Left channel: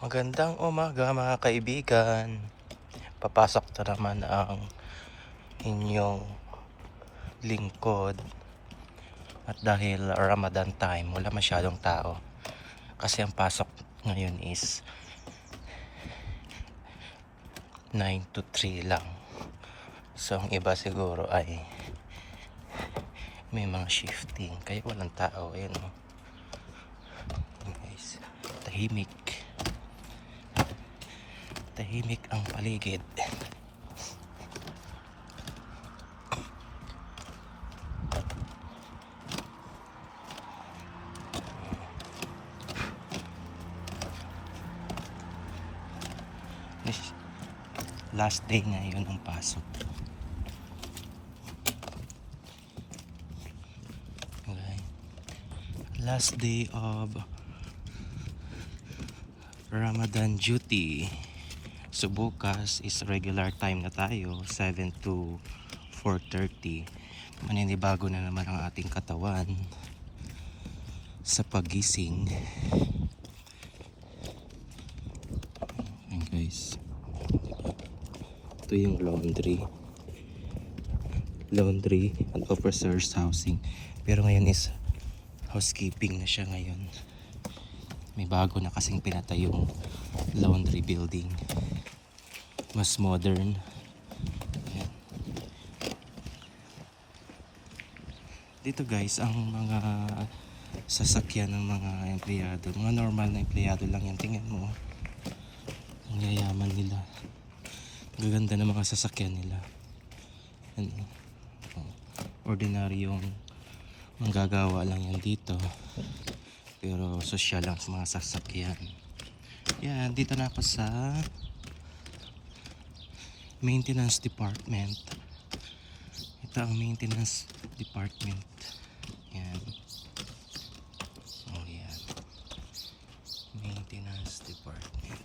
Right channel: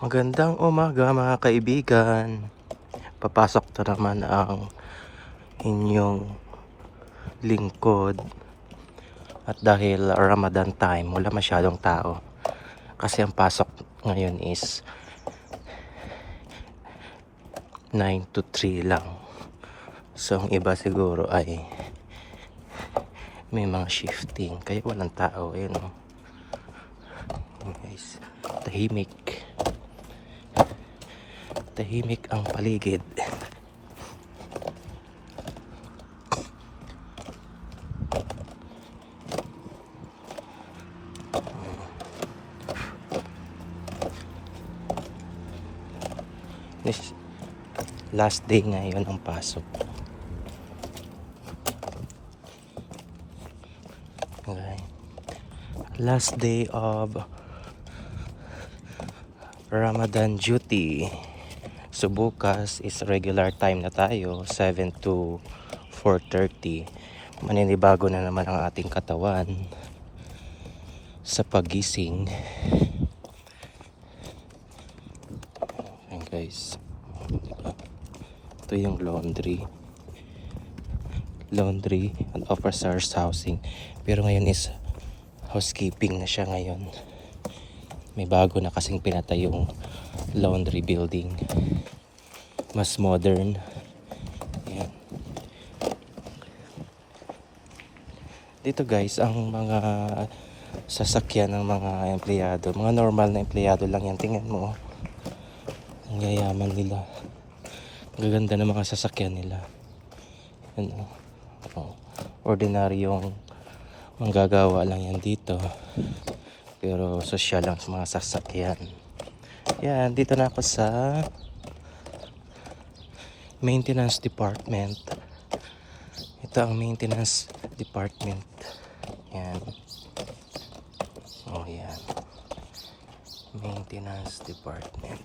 Magandang umaga mga kaibigan. Papasok na naman ang inyong lingkod. At dahil Ramadan time, wala masyadong tao. Kasi ang pasok ngayon is 9 to 3 lang. So ang iba siguro ay may mga shifting. Kaya walang tao. Yun, oh. Anyways, tahimik. Tahimik ang paligid. Last day ngayon ang pasok. Okay. Last day of Ramadan duty. So bukas is regular time na tayo, 7 to 4:30. Maninibago na naman ang ating katawan sa pagising. Ayan guys, ito yung laundry and officers housing, pero ngayon is housekeeping na siya ngayon. May bago na kasing pinatay yung laundry building, mas modern. Ayan. Dito guys, ang mga sasakyan ng mga empleyado, mga normal na empleyado lang yan. Tingnan mo, ang yayaman nila, gaganda ng mga sasakyan nila. Ano, ordinaryong manggagawa lang yan dito, pero social lang sa mga sasakyan. Yan, dito na ako sa maintenance department. Ito ang maintenance department. Yan. Oh, yan. Maintenance department.